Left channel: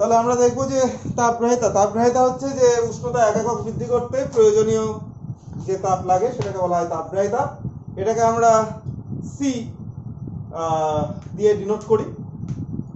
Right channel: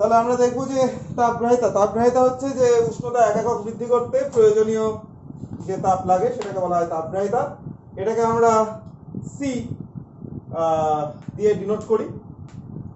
তাহলে আমরা দেখবো যে তাপগ্রাহিতা হচ্ছে যে উষ্ণতা 1 একক বৃদ্ধি করতে প্রয়োজনীয় যে তাপ লাগে সেটাকে বলা হয় তাপগ্রাহিতা। এটাকে আমরা সি দিয়ে ডিনোট করি।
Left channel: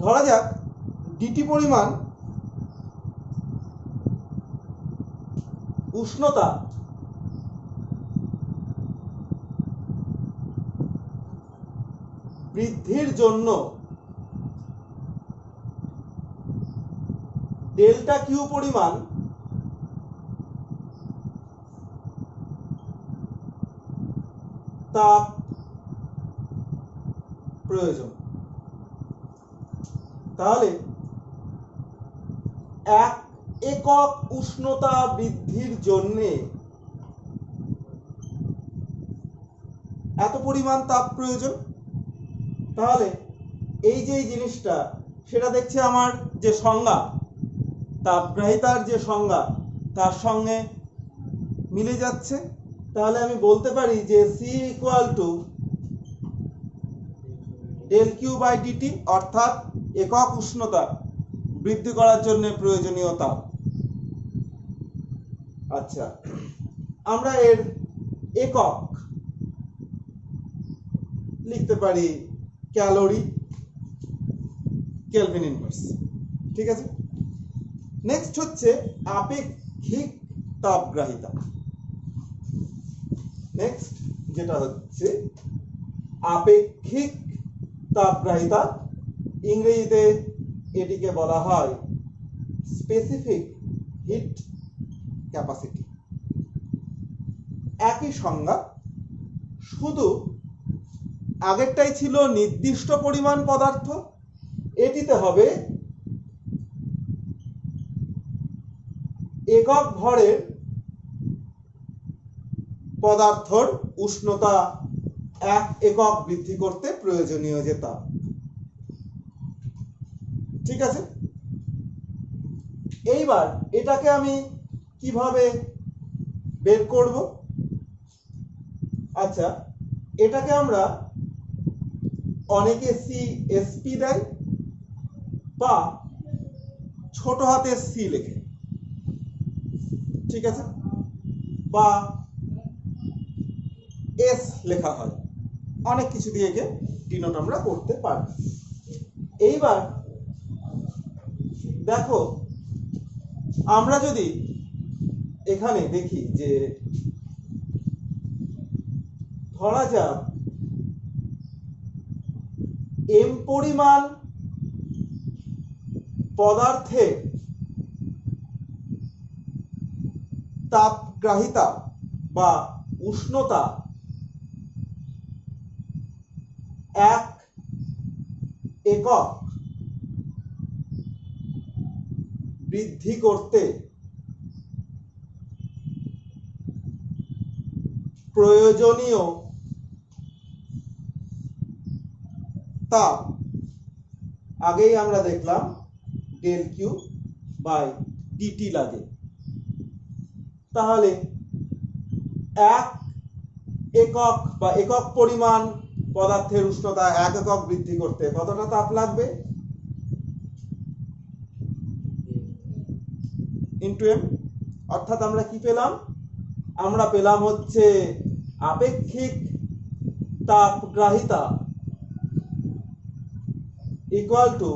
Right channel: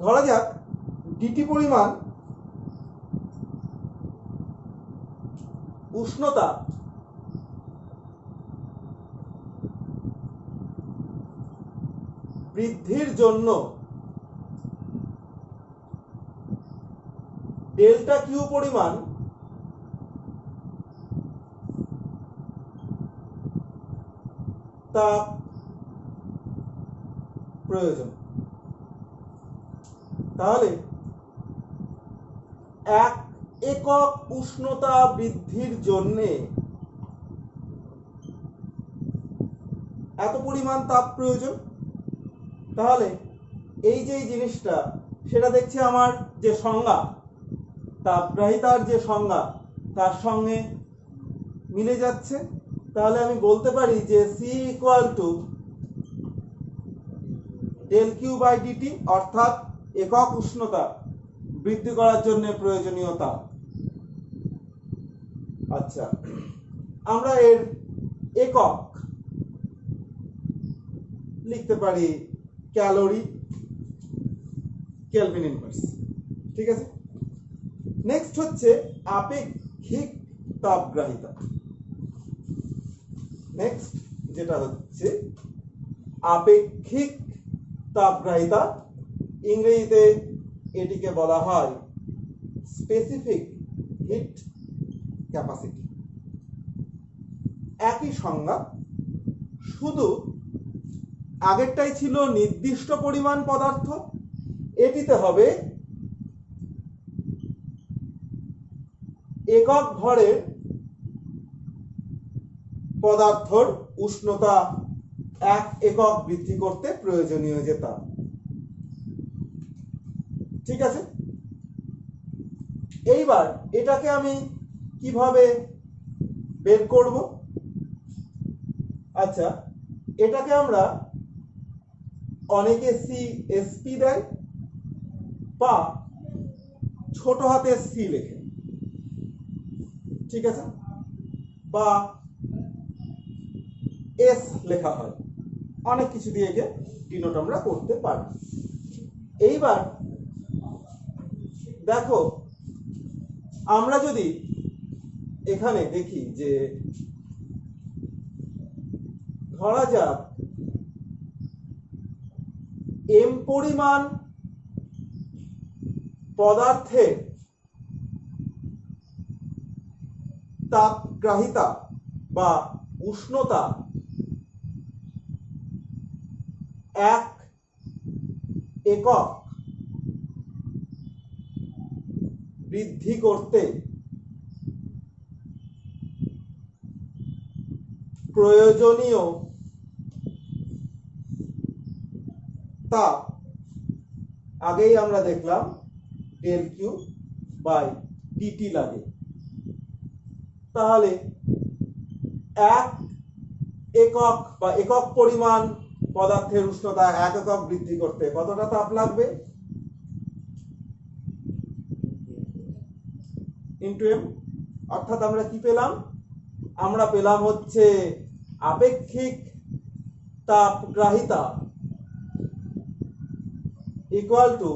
ধরা যাক ডিটি পরিমাণ উষ্ণতা বৃদ্ধির জন্য ডেল্টা কিউ পরিমাণ তাপ প্রয়োজন। তাহলে 1 একক উষ্ণতা বৃদ্ধির জন্য এত পরিমাণ তাপ প্রয়োজন। তাহলে এই যে জিনিসটা সেটা দেখছি আমার যে সংজ্ঞা তাপগ্রাহিতার যে সংজ্ঞা তার সঙ্গে মিলে যাচ্ছে। তাহলে আমি বলতে পারি যে C equal to del Q by DT, অর্থাৎ একক উষ্ণতা বৃদ্ধি করার জন্য প্রয়োজনীয় তাপ। আচ্ছা, আমরা এর একক লিখতে পারি ক্যালোরি, কেলভিন ইনভার্স। ঠিক আছে, নেক্সট হচ্ছে আপেক্ষিক তাপগ্রাহিতা। নেক্সট যেটা হচ্ছে আপেক্ষিক তাপগ্রাহিতা, ইংরেজিতে এটিকে বলা হয় স্পেসিফিক হিট ক্যাপাসিটি। একই সংজ্ঞা, শুধু আগেরটাই ছিল নির্দিষ্ট পরিমাণ পদার্থ, এটিতে হবে একক ভরের পদার্থর উষ্ণতা 1 একক বৃদ্ধি করতে প্রয়োজনীয় যে তাপ। ঠিক আছে, এইবার এটাকে আমি কিভাবে বের করব? আচ্ছা, এটাকে আমরা অনেকে সিএসপি দেয় বা ছোট হাতের সি লেখে, ঠিক আছে, বা এস লেখা হয়, অনেক কিছু দিয়ে একে ডিনোট আমরা করতে পারি। এইবার দেখো, আমরা যদি এখানে দেখি যে ধরা যাক এম পরিমাণ পদার্থের তাপগ্রাহিতা বা উষ্ণতা 1 একক বৃদ্ধি করতে প্রয়োজনীয় তাপ আগেই আমরা দেখলাম ডেল কিউ বাই ডিটি লাগে। তাহলে 1 একক বা একক পরিমাণ পদার্থের উষ্ণতা 1 একক বৃদ্ধি করতে কতটা তাপ লাগবে? Into M. অর্থাৎ আমরা কি পেলাম? আমরা পেলাম হচ্ছে আপেক্ষিক তাপগ্রাহিতা ইকুয়াল টু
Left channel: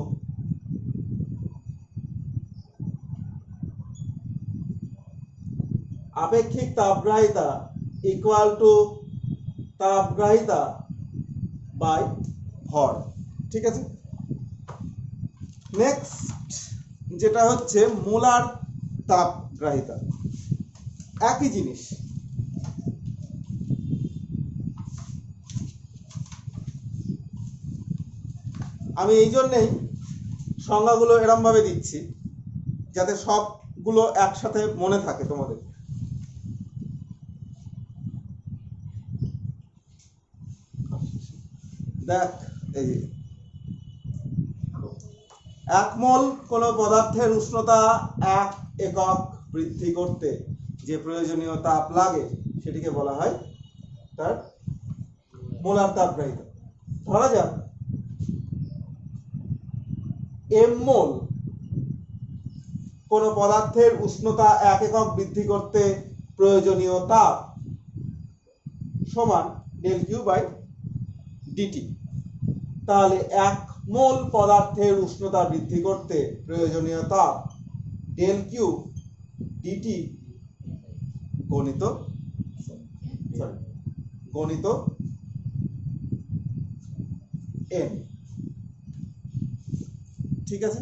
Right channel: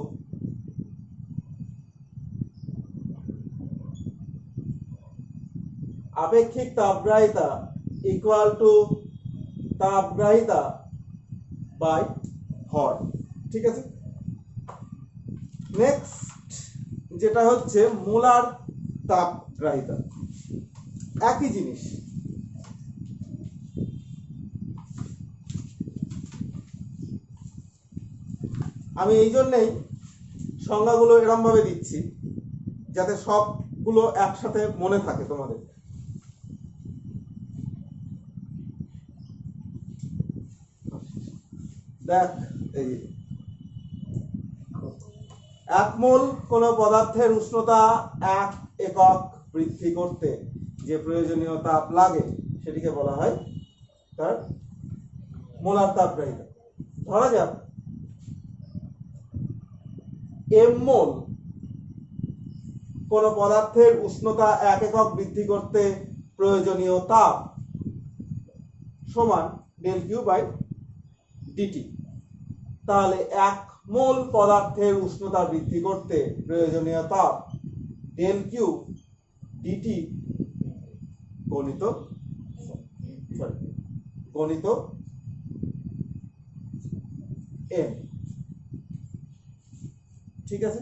আপেক্ষিক তাপগ্রাহিতা ইকুয়াল টু তাপগ্রাহিতা বাই ভর। ঠিক আছে, নেক্সট যেটা হচ্ছে মোলার তাপগ্রাহিতা। একই জিনিস, আমি এই জন্যই সংজ্ঞাগুলো এরম ভাবে দিচ্ছি যাতে সবগুলো একসাথে মনে থাকে তোমাদের। দেখ, এই 1 মোল কোন পদার্থের উষ্ণতা 1 একক বৃদ্ধি করতে যে প্রয়োজনীয় তাপ লাগে সেটিকে বলা হয় তার মোলার তাপগ্রাহিতা। ধরা যাক এম মোল কোনো পদার্থের উষ্ণতা 1 একক বৃদ্ধি করতে প্রয়োজনীয় তাপ সমান ডেল কিউ বাই ডিটি। তাহলে 1 মোল পদার্থের উষ্ণতা বৃদ্ধি করতে প্রয়োজনীয় তাপ ডেল কিউ ডিটি গণিত এম। ঠিক আছে,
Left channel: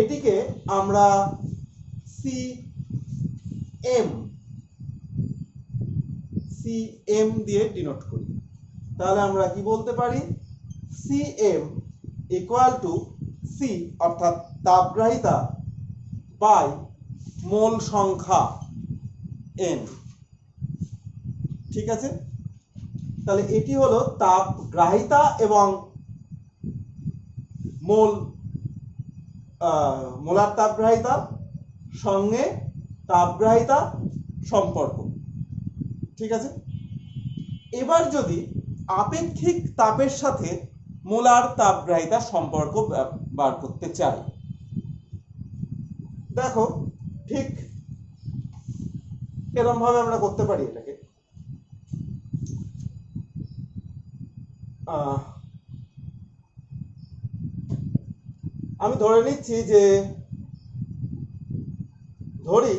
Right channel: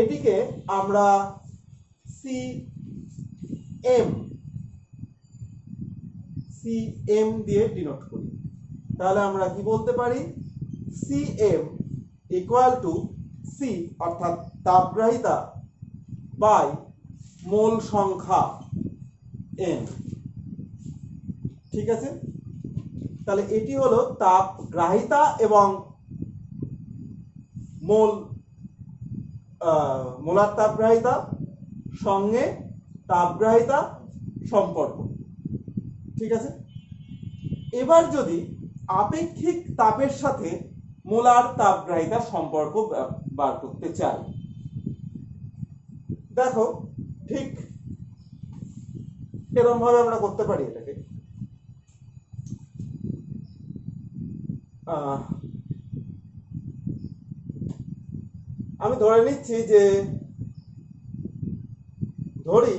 এটিকে আমরা সিএম দিয়ে ডিনোট করি। তাহলে আমরা কি বলতে পারি, সিএম ইকুয়াল টু সি অর্থাৎ তাপগ্রাহিতা বাই মোল সংখ্যা এন। ঠিক আছে, তাহলে এটি হলো তাপগ্রাহিতা এবং মোলার তাপগ্রাহিতা সঙ্গে তাপগ্রাহিতা সম্পর্ক। ঠিক আছে, এবার যদি আপেক্ষিক তাপের সাথে মোলার তাপগ্রাহিতা সম্পর্ক বার করতে চাই, দেখো ঠিক এরকম ভাবে আমরা করতে পারি এটাকে। আমি ধরে নিচ্ছি যে ধরি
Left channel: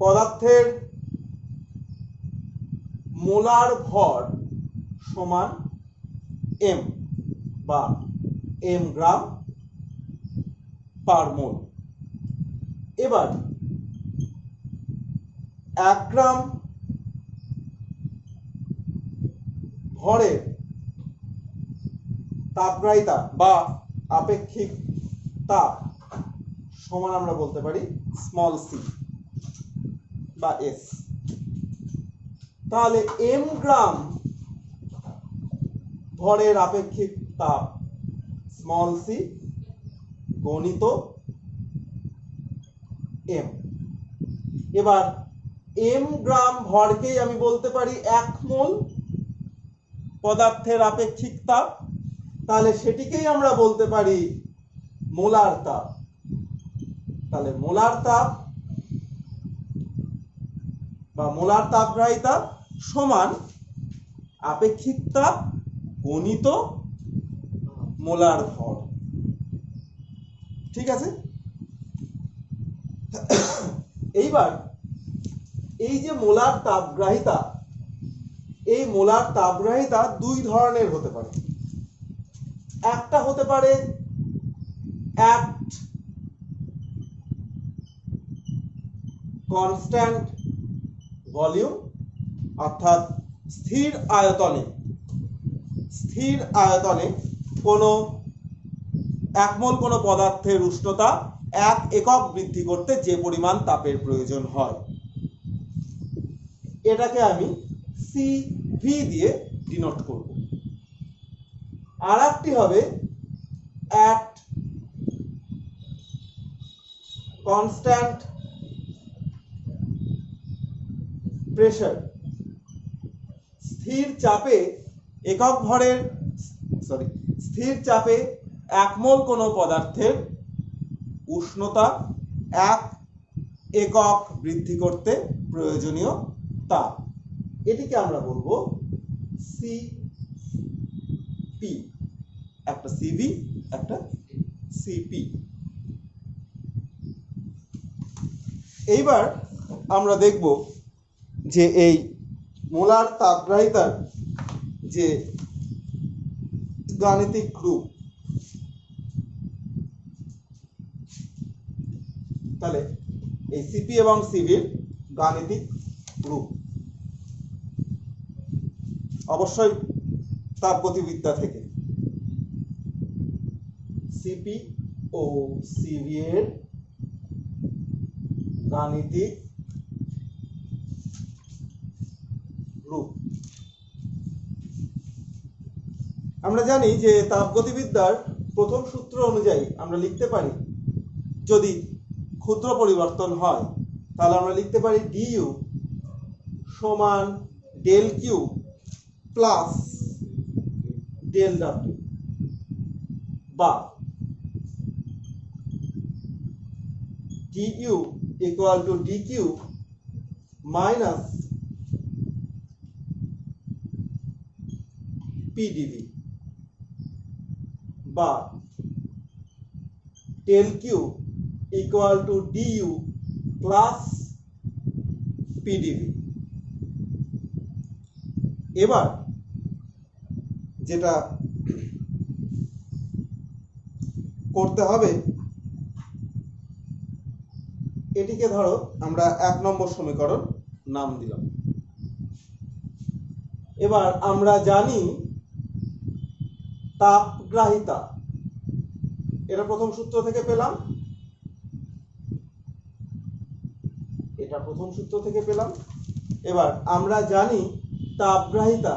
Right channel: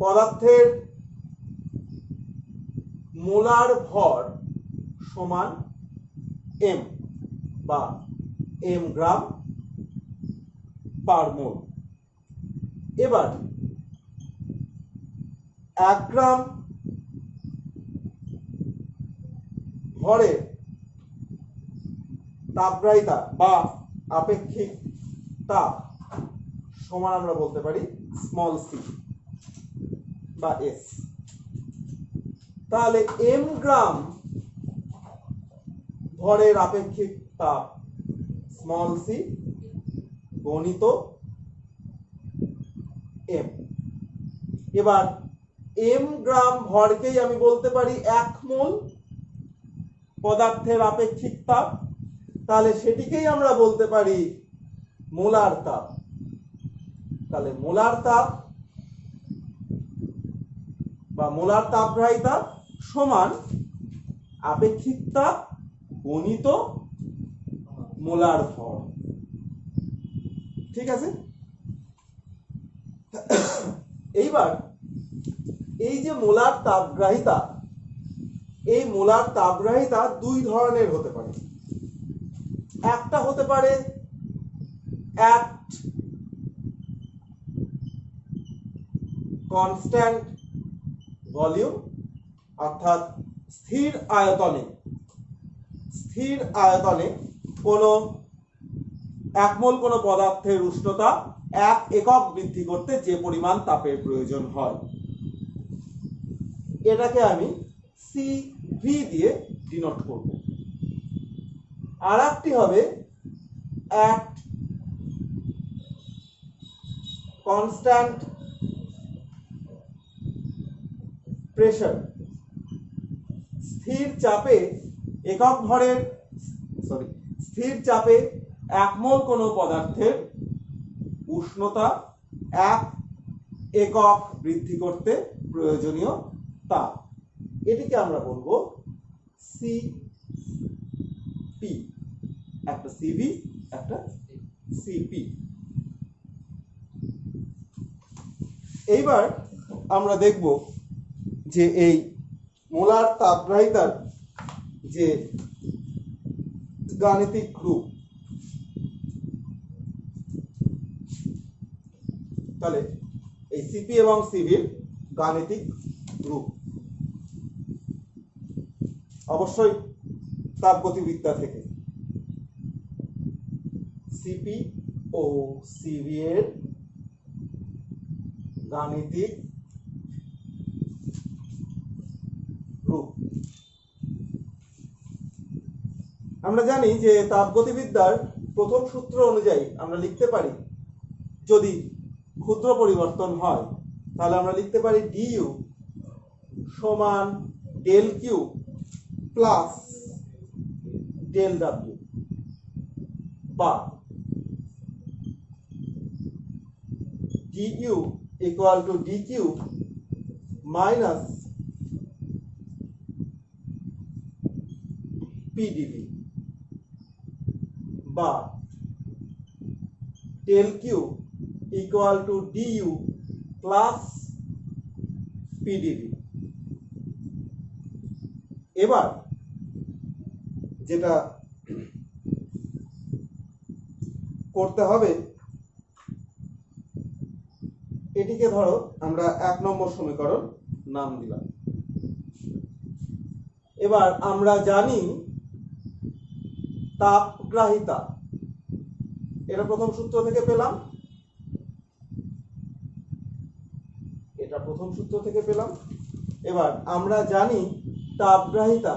পদার্থের মোলার ভর সমান এম বা এম গ্রাম পার মোল। এবার 1 গ্রাম ভরের তাপগ্রাহিতা বা আপেক্ষিক তাপ সমান আমরা বলতে পারি স্মল সি বা এস। তাহলে এম গ্রাম ভরের আপেক্ষিক তাপ স্মল সি গণিত এম। এবার এম গ্রাম ভরকেই আমি বলতে পারি 1 মোল পদার্থের আপেক্ষিক তাপ, তাহলে সেটিকেই আমরা বলতে পারি মোলার তাপ। তাহলে মোলার তাপ বা মোলার তাপগ্রাহিতা সমান আপেক্ষিক তাপ গণিত মোলার ভর। ঠিক আছে, এইবার এই যে মোলার তাপগ্রাহিতা, এই মোলার তাপগ্রাহিতা 2 ধরনের হতে পারে। একটা হতে পারে অ্যাট কনস্ট্যান্ট ভলিউম অর্থাৎ স্থির আয়তনে কোনো 1 মোল কোনো পদার্থের উষ্ণতা 1 একক বৃদ্ধি করতে যে পরিমাণ তাপের প্রয়োজন হয়, এটাকে আমি সিভি দিয়ে ডিনোট করব। আর একটি হবে অ্যাট কনস্ট্যান্ট প্রেসার, স্থির চাপে 1 মোল কোনো পদার্থের উষ্ণতা 1 একক বৃদ্ধি করতে প্রয়োজনীয় তাপ, এটিকে আমরা বলবো সিপি। একটা সিভি একটা সিপি। এইবার আমরা দেখব যে এই মোলার তাপগ্রাহিতার যে গাণিতিক রূপ। তাহলে এই সিপি এবং সিভির গাণিতিক রূপ অবশ্যই তাপগতিবিদ্যা থেকে। সিপি ও সিভি এর গাণিতিক রূপ। আমরা জানি যে তাপগতিবিদ্যার প্রথম সূত্র অনুযায়ী আমরা লিখতে পারি, যদি ক্ষুদ্র পরিবর্তন হয় তাহলে আমরা লিখতে পারি ডিইউ সমান del Q plus del W. বা du equal to dq minus pdv বা del q equal to du plus pdv। এবার যেটা করতে হবে, এটিকে ধরো আমরা 1 নম্বর সমীকরণ নাম দিলাম। এবার আমরা জানি তাপগ্রাহিতা, এটা প্রথম সূত্র থেকে পেলাম, এটা প্রথম সূত্র থেকে পেলাম। এবার আমরা জানি তাপগ্রাহিতা,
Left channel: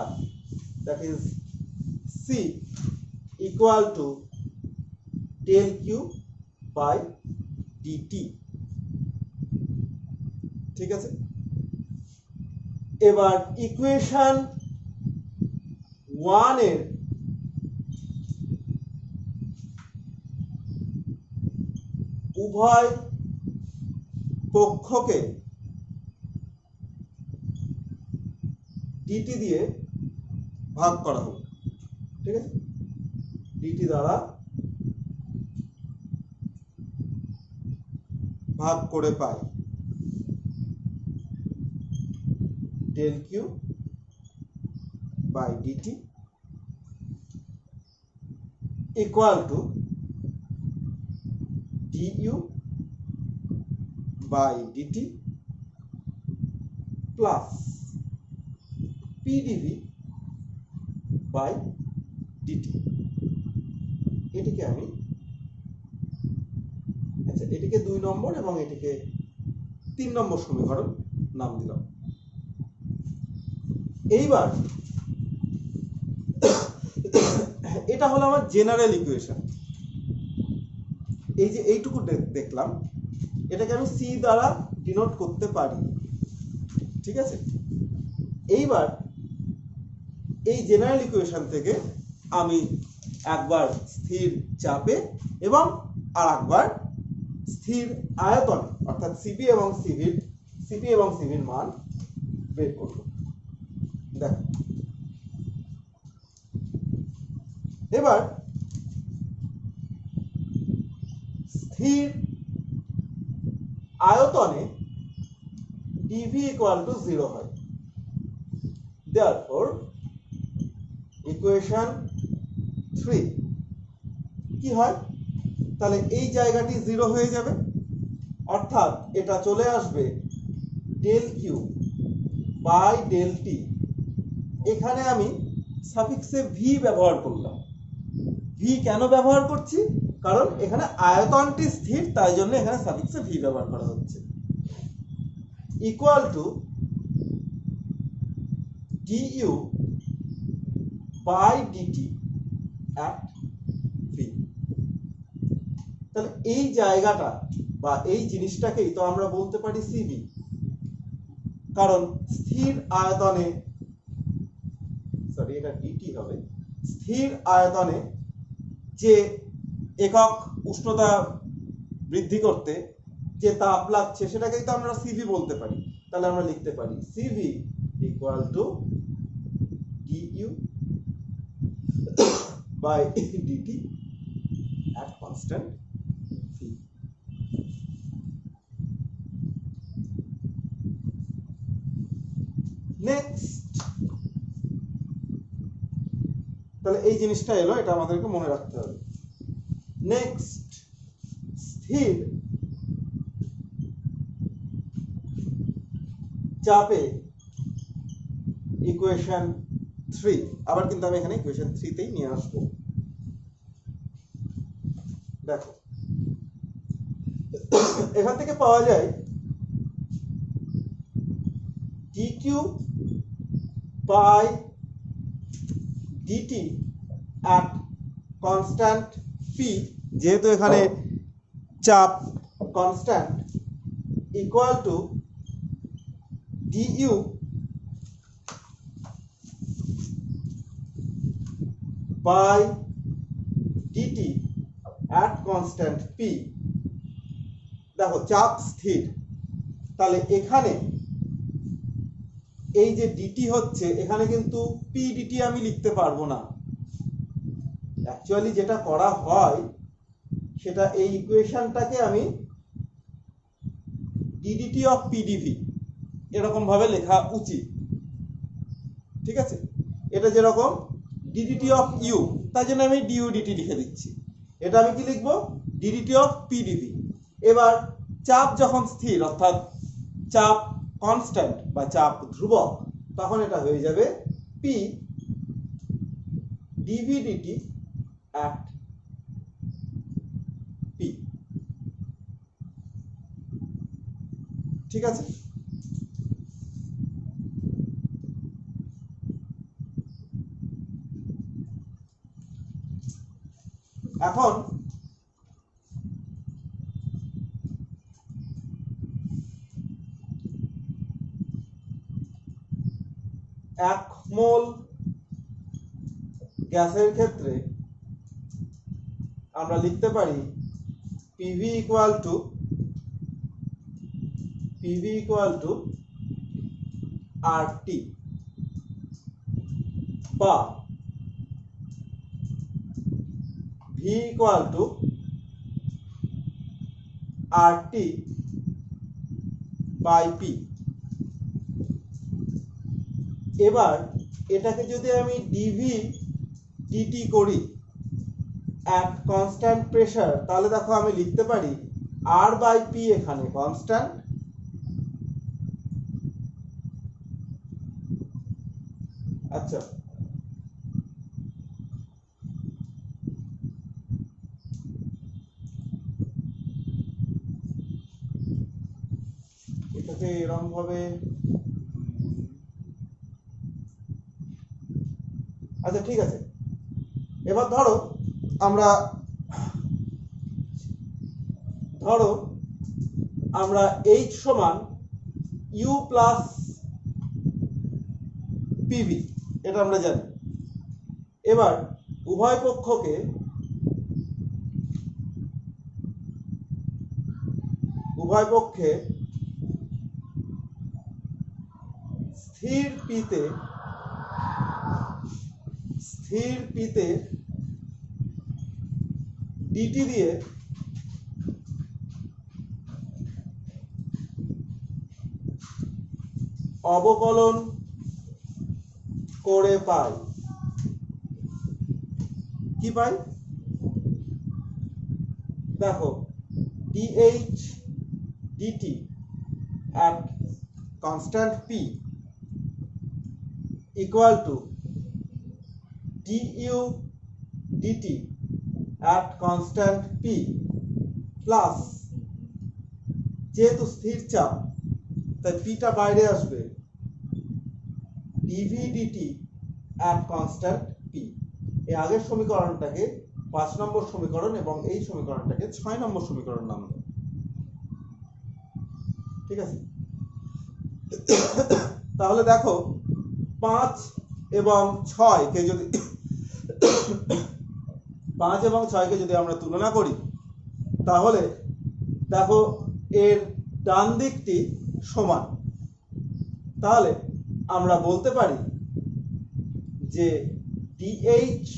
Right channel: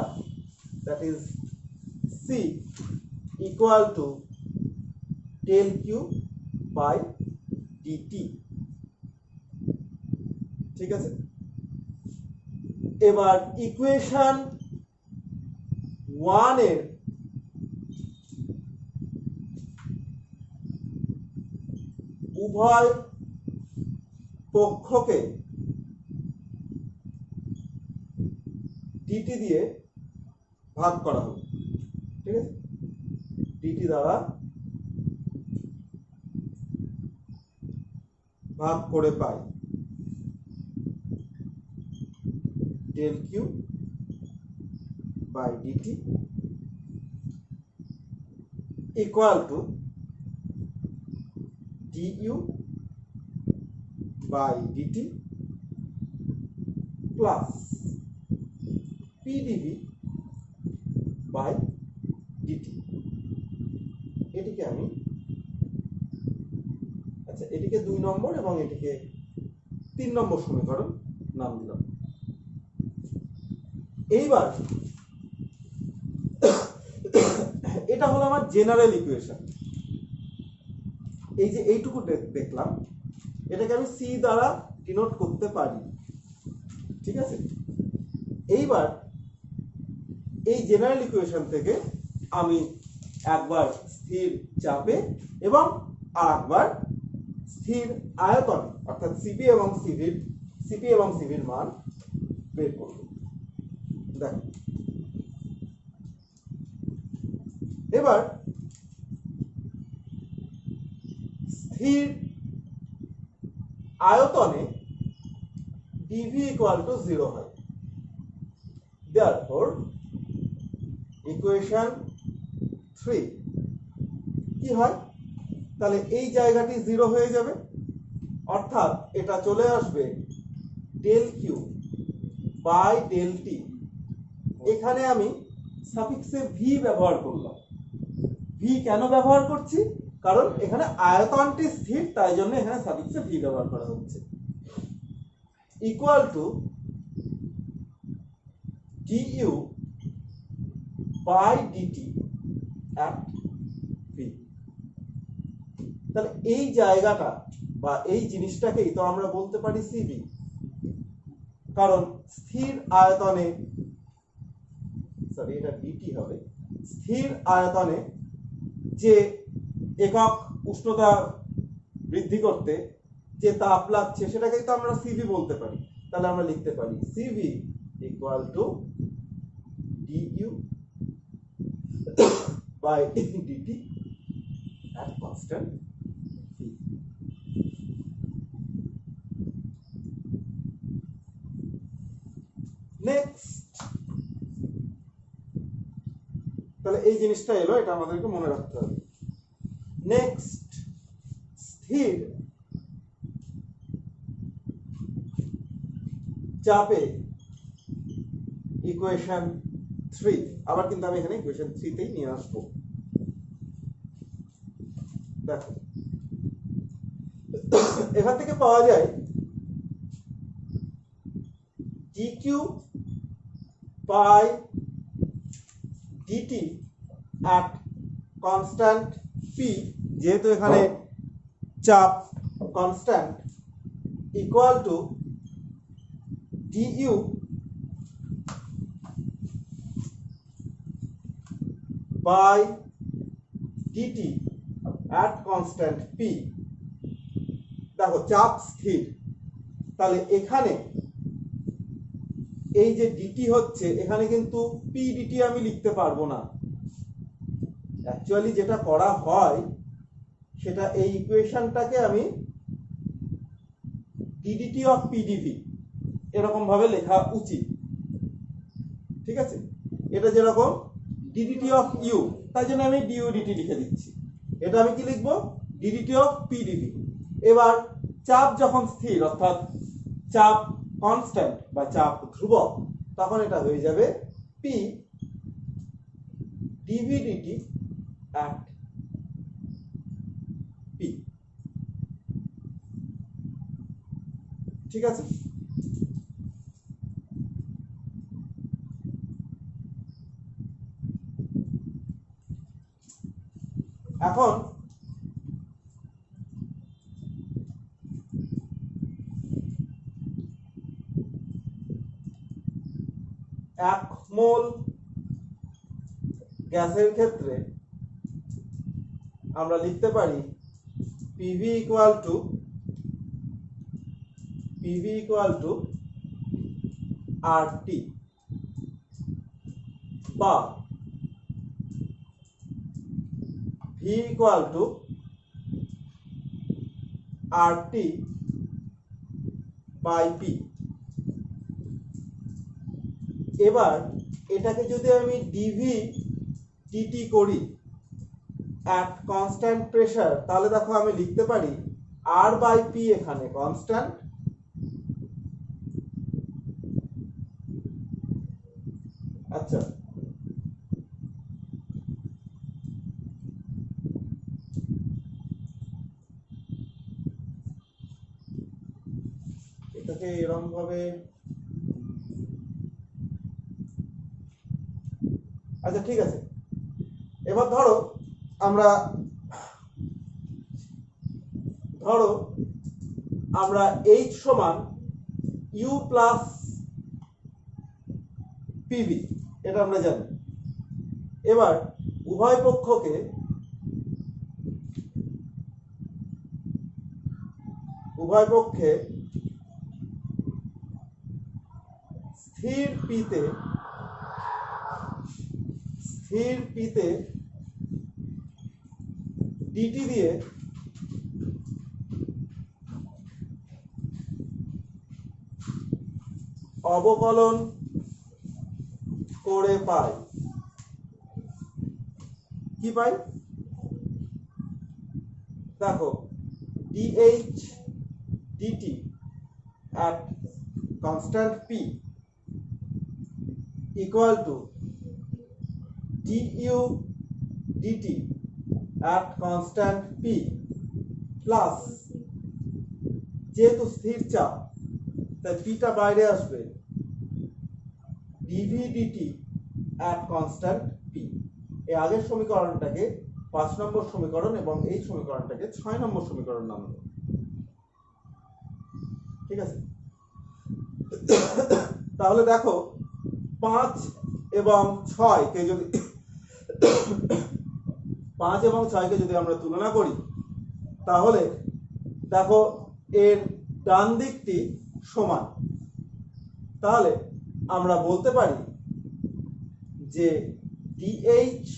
that is C equal to del Q by dt। ঠিক আছে, এবার ইকুয়েশন 1 এর উভয় পক্ষকে dt দিয়ে ভাগ করা হবে। ঠিক আছে, dt দ্বারা ভাগ করে পাই del q by dt equal to du by dt plus pdv by dt। এটিকে আমি এটিকে 2 নম্বর এবং এটিকে 3 নম্বর সমীকরণ নাম দিলাম। এইবার এটা হলো আমার জেনারেল ইকুয়েশন। এই যে এইটুকু দেখলাম, এটাকে আমি সি দ্বারা ডিনোট করতে পারি। ঠিক আছে, এইবার এই জেনারেল ইকুয়েশন থেকে আমি একবার স্থির চাপে এবং আরেকবার স্থির আয়তনে অর্থাৎ সিপি এবং সিভির মান বের করব। দেখো, এবার স্থির আয়তনে dv equal to 0 হয়। therefore ইকুয়েশন 3 কি হয়, তাহলে এই জায়গাটি 0 হয়ে যাবে, অর্থাৎ এটা চলে আসবে del q by del t। এখানে আমি সাফিক্সে v ব্যবহার করলাম। v কেন ব্যবহার করছি, কারণ এখানে আয়তনটি স্থির, তাই জন্য এখানে সাফিক্সে v ব্যবহার করা হচ্ছে। Equal to du by dt at v। তাহলে এই জায়গাটা বা এই জিনিসটাকেই তো আমরা বলতে পারি cv, কারণ স্থির আয়তনে এটা dt হবে। স্থির আয়তনে যে একক উষ্ণতা বৃদ্ধি করতে যে তাপ লাগছে সেটাকেই তো আমরা cv বলতে পারি। তাহলে আমরা লিখতে পারি cv equal to du by dt at constant v। Next, তাহলে এই জিনিসটা এলো, এটা আমাদেরকে মনে রাখতে হবে। নেক্সট, স্থির চাপে ইকুয়েশন 3, আবার কিন্তু আমি এখানে ইকুয়েশন 3 তেই নিয়ে আসবো। দেখো, এখান থেকে পাওয়া যায় dq by dt at constant p, যেহেতু এখানে চাপ constant, equal to du by DT at constant P. দেখো চাপ স্থির, তাহলে এখানে এই যে ডিটি হচ্ছে, এখানে কিন্তু পি ডিটি আমি লিখতে পারবো না। অ্যাকচুয়ালি যেটা করা হয় সেটা এই ইকুয়েশনটাকে আমি ডিডিটি অফ পিডিভি এরকম ভাবে লেখা উচিত, ঠিক আছে? এটা যেরকম ডিডিটি অফ ইউ, তাই জন্য আমি ডিইউডিটি লিখে দিচ্ছি। এটা আমি কি লিখবো? DDT of PDV. এবার চাপ যখন স্থির, অর্থাৎ চাপ কনস্ট্যান্ট বা চাপ ধ্রুবক, তখন এটা হয়ে যাবে P DV DT at P. ঠিক আছে? এখন এক মোল গ্যাসের ক্ষেত্রে আমরা লিখতে পারি পিভি ইকুয়াল টু আরটি, বা V equal to RT by P. এবার এটাকে যদি আমি ডিভি ডিটি করি অ্যাট কনস্ট্যান্ট প্রেসার, তাহলে দেখো আমি লিখতে পারি আর বাই পি এখানে কনস্ট্যান্ট, আচ্ছা এটাকে এরকম ভাবে, আচ্ছা ঠিক আছে। এবার ধরো আমরা এইচ সমান ইউ প্লাস পিভি, এটা আমরা জানি। এবার উভয় পক্ষকে স্থির পিতে ডিটি দিয়ে অবকলন করে পাই। কি পাই? দেখো DH DT at constant p equal to du dt at constant p plus, যেহেতু স্থির চাপ তাই পিটা বাইরে আসবে, dv dt at constant p। এই আগের সমীকরণটাকে 5 নম্বর সমীকরণ এবং এই সমীকরণটাকে 6 নম্বর সমীকরণ নাম দাও। ঠিক আছে? তাহলে দেখো 5 এবং 6 কে যদি আমরা তুলনা করি, তাহলে দেখো এর ডান দিকটি সমান। তাহলে আমরা বলতে পারি যে DH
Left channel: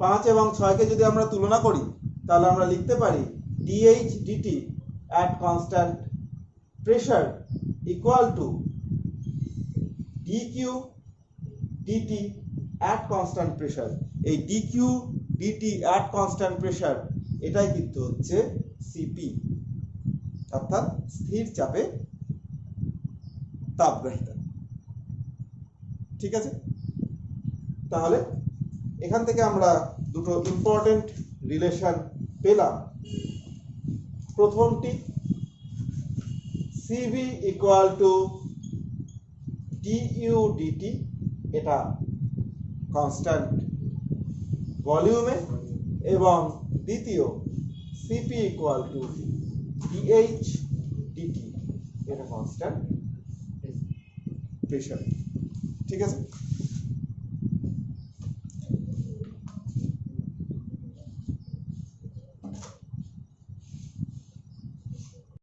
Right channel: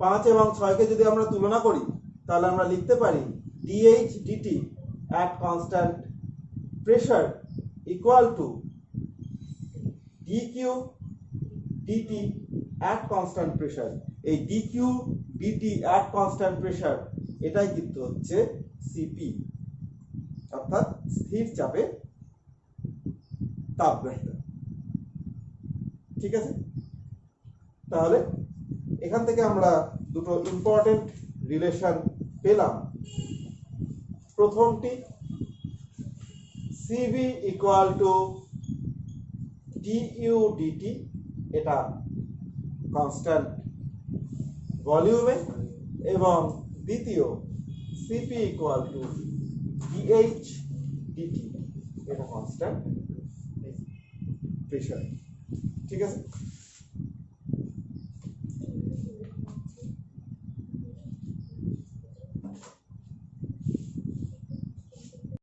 5 এবং 6 কে যদি আমরা তুলনা করি, তাহলে আমরা লিখতে পারি DH dt at constant pressure equal to dq dt at constant pressure। এই dq dt at constant pressure এটাই কিন্তু হচ্ছে CP, অর্থাৎ স্থির চাপে তাপগ্রাহিতা। ঠিক আছে? তাহলে এখান থেকে আমরা দুটো ইম্পর্টেন্ট রিলেশন পেলাম। প্রথমটি CV equal to du dt, এটা কনস্ট্যান্ট ভলিউমে, এবং দ্বিতীয় CP equal to dH dt, এটা কনস্ট্যান্ট প্রেসার। ঠিক আছে?